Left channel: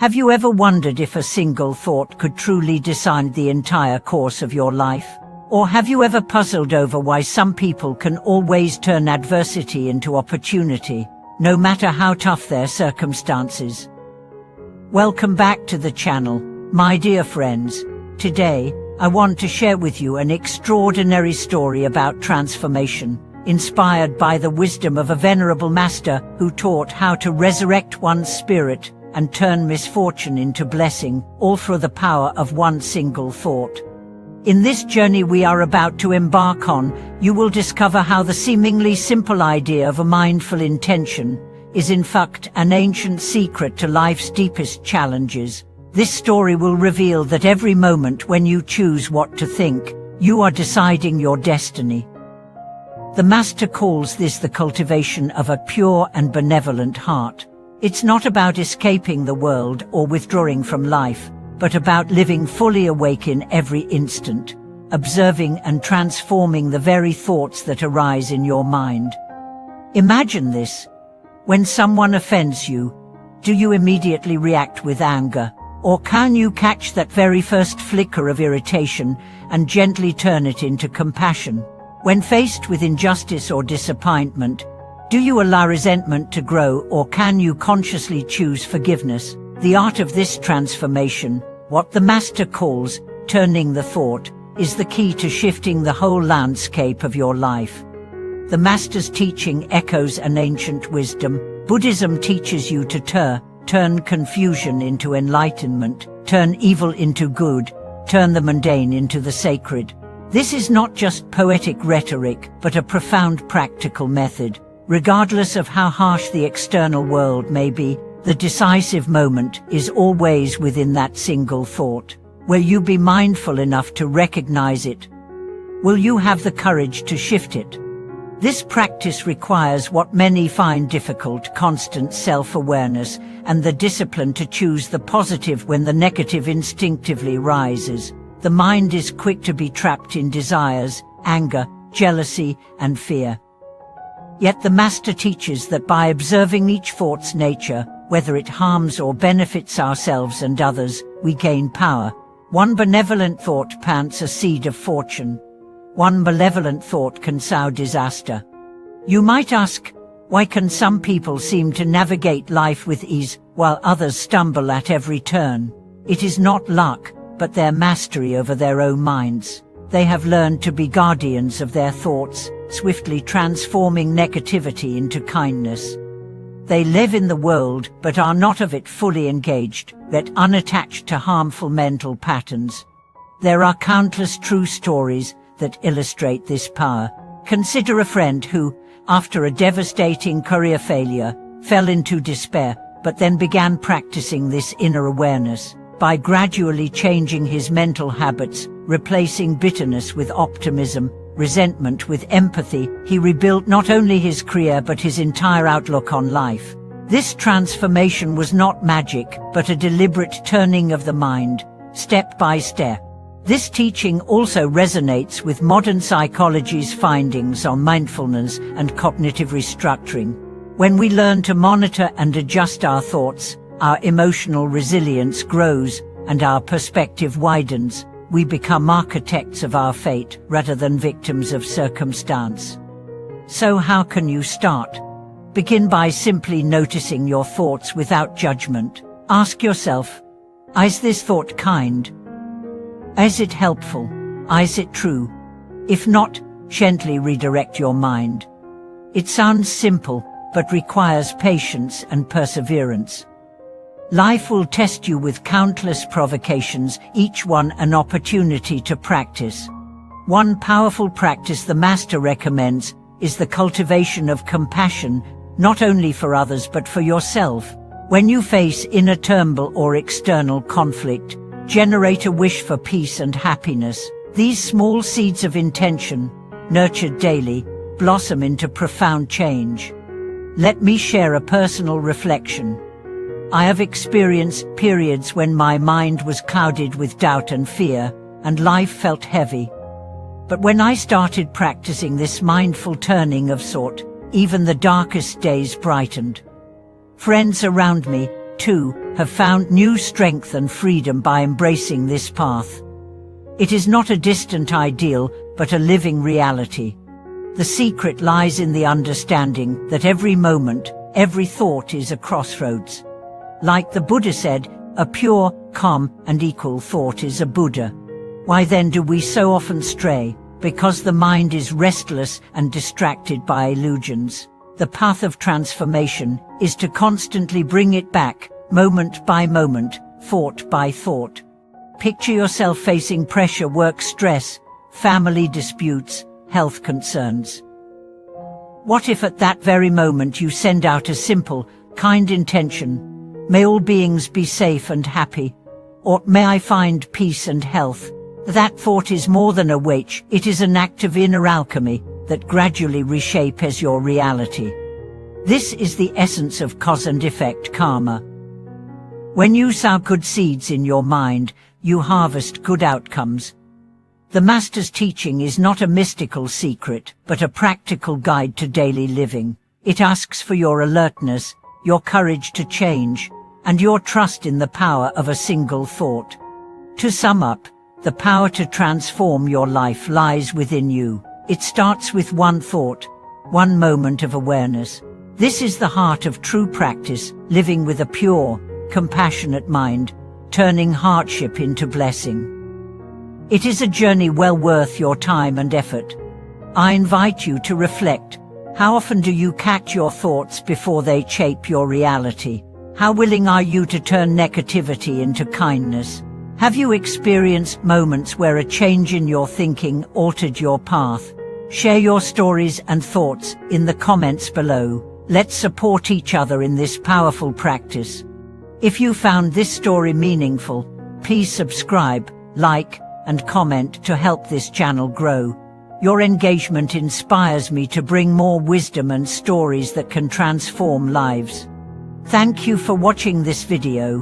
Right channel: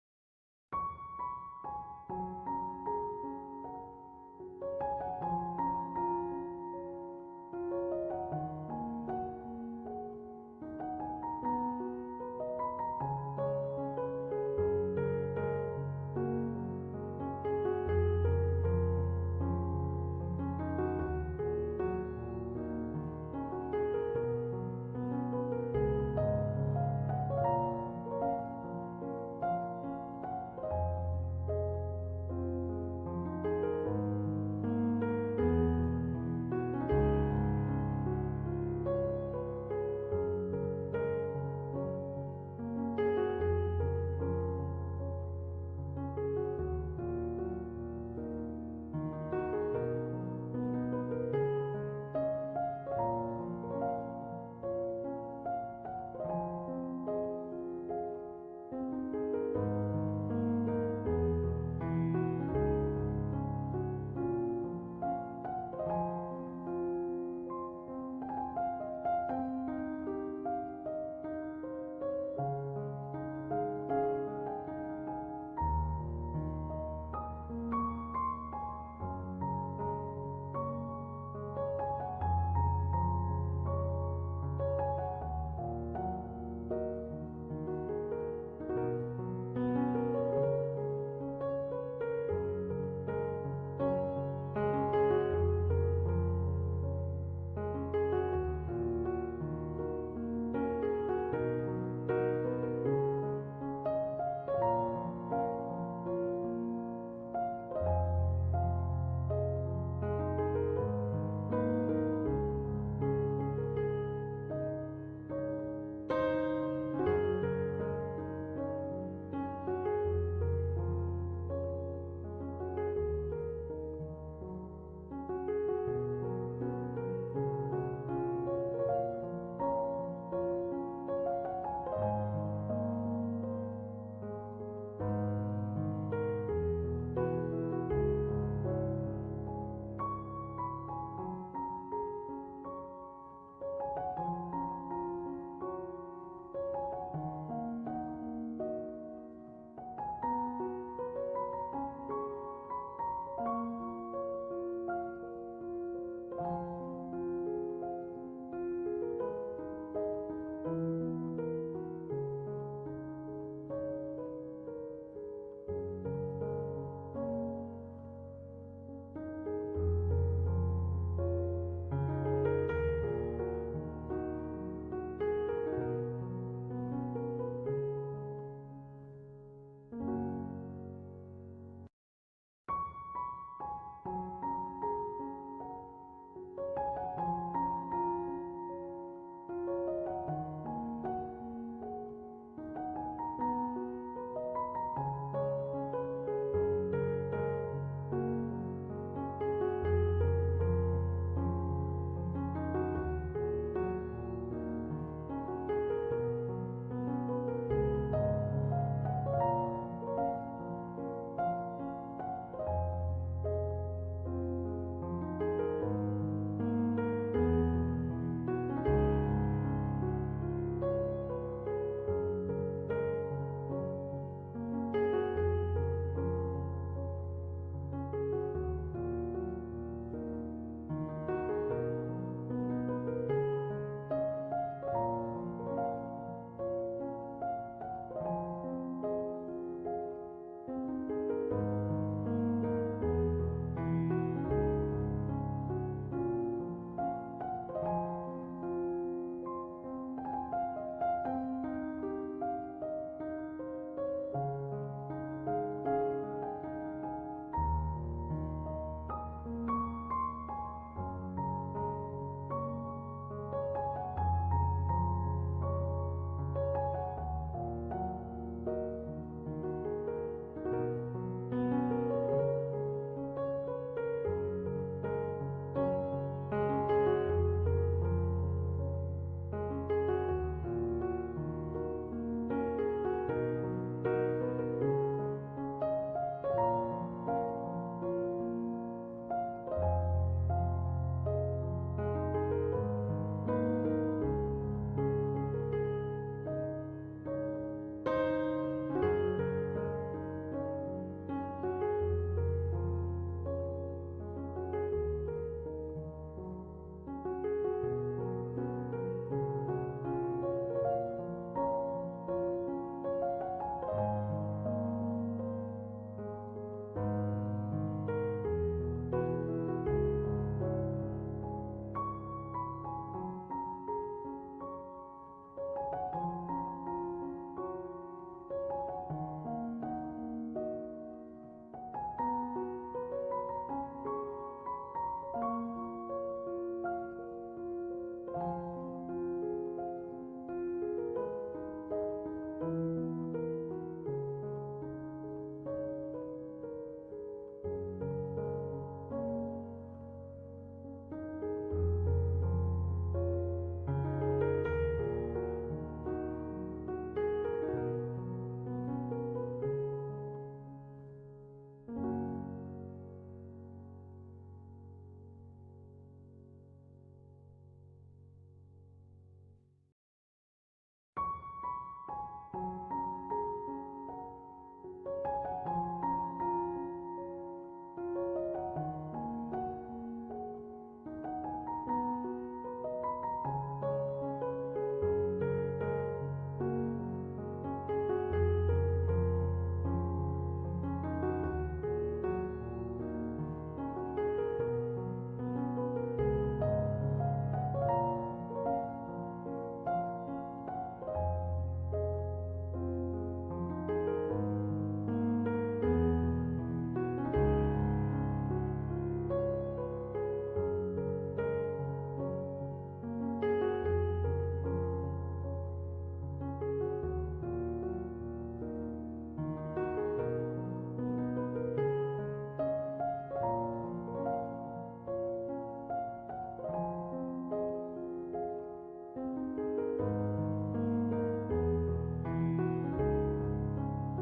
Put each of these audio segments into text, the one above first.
Have you ever wondered if a single thought could truly decide the entire course of your life? Or have you ever puzzled over why some people can always turn adversity into opportunity, no matter how tough their circumstances? Welcome back to the channel, my dear friends. Today, I want to share with you an extraordinary story about transformation, inspired by the wisdom of a venerable master who taught how to resurrect one's spirit and turn misfortune into blessing, all through the power of one single thought. In this journey we are about to embark on, you will discover how the seemingly simple idea of a mindful intention is in fact an ancient secret to life's deepest challenges. This story will reveal that every moment when you choose what to think, you are deciding your destiny. The Master calls this the cultivation of a pure and benevolent heart. It's not about escaping the world or withdrawing from life, but about living fully awake in every instant, observing and transforming the very thoughts that arise in your mind. Imagine this. When someone offends you, do you immediately react with anger, or can you catch that very first flicker of irritation and gently turn it into compassion? When faced with injustice or disappointment, do you allow resentment to grow, or can you consciously choose forgiveness? The art of this transformation, what the Master calls turning the thought, is the key to shifting the whole landscape of your life. The Master's teaching echoes an ancient wisdom. Buddhism teaches you to turn confusion into enlightenment, turn evil into good, turn the mundane into the sacred. This is not just poetic rhetoric, but a profound practical method. Regardless of how harsh the external world may be, the decisive moment is always within that single thought. Will you be mindful enough to recognize it? Will you have the courage to shift it? This practice requires what many find difficult: constant self-awareness and the discipline to choose the positive when the negative instinctively rises. The mind is quick to be trapped in desires, anger, jealousy, and fear. Yet the Master teaches that by observing each thought's nature, whether it harms or benefits ourselves and others, we gain power. One benevolent thought plants a seed of fortune. One malevolent thought can sow disaster. You might ask, why can some people seem to navigate life with ease, while others stumble at every turn? It is not luck, but their mastery over their own minds. They have learned to be guardians of their thoughts, swiftly transforming negativity into kindness. They live in the world, but are not of it fully engaged, yet unattached to harmful mental patterns. There are countless true stories that illustrate this power. Consider a friend who, after a devastating career failure, fell into despair, but then began practicing this inner awareness. By gradually changing his mental habits, replacing bitterness with optimism, resentment with empathy, he rebuilt not only his career but his entire outlook on life. This transformation was not magic, but a deliberate turning of the mind, step by step. This teaching also resonates with modern psychology's findings on mindfulness and cognitive restructuring. When we learn to monitor and adjust our thoughts, our emotional resilience grows and our perspective widens. We become architects of our fate rather than victims of circumstance. So how can you start? Begin by simply noticing your thoughts without judgment. Ask yourself, is this thought kind? Is it helpful? Is it true? If not, gently redirect your mind. It sounds simple, but requires patience and perseverance. Life will test you with countless provocations, each one an opportunity to practice. One powerful practice the Master recommends is the cultivation of compassion, not only for others but for yourself. When you face inner turmoil or external conflict, generate a wish for peace and happiness. These small seeds of intention, nurtured daily, blossom into profound change. Let me share a personal reflection. I have experienced periods when my mind was clouded with doubt and fear, and life felt heavy. But when I started practicing this mindful turning of thought, even the darkest days brightened. Friends around me, too, have found new strength and freedom by embracing this path. It is not a distant ideal, but a living reality. The secret lies in the understanding that every moment, every thought is a crossroads. Like the Buddha said, a pure, calm, and equal thought is a Buddha. Why then do we so often stray? Because the mind is restless and distracted by illusions. The path of transformation is to constantly bring it back, moment by moment, thought by thought. Picture yourself facing pressure, work stress, family disputes, health concerns. What if at that very moment you send out a simple, kind intention? May all beings be safe and happy, or may I find peace and health? That thought is more than a wish, it is an act of inner alchemy that gradually reshapes your reality. This is the essence of cause and effect karma. When you sow good seeds in your mind, you harvest good outcomes. The Master's teaching is not a mystical secret, but a practical guide to daily living. It asks for your alertness, your courage to change, and your trust in the power of a single thought. To sum up, the power to transform your life lies within you. It starts with one thought, one moment of awareness. This is the heart of true practice, living with a pure, compassionate mind, turning hardship into blessing. It is a journey well worth your time and effort. I invite you to reflect. How often do you catch your thoughts before they shape your reality? How willing are you to turn negativity into kindness? Have you experienced moments where a change in your thinking altered your path? Share your stories and thoughts in the comments below. Let's support each other in this powerful practice. If you found this story meaningful, please subscribe, like, and comment to help this channel grow. Your engagement inspires me to bring more wisdom and stories that can transform lives. Thank you for watching this video.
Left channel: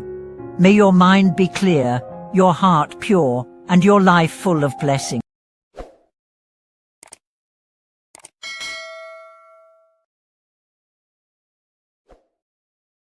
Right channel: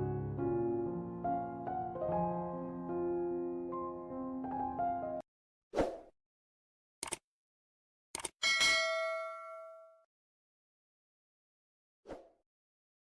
May your mind be clear, your heart pure, and your life full of blessings.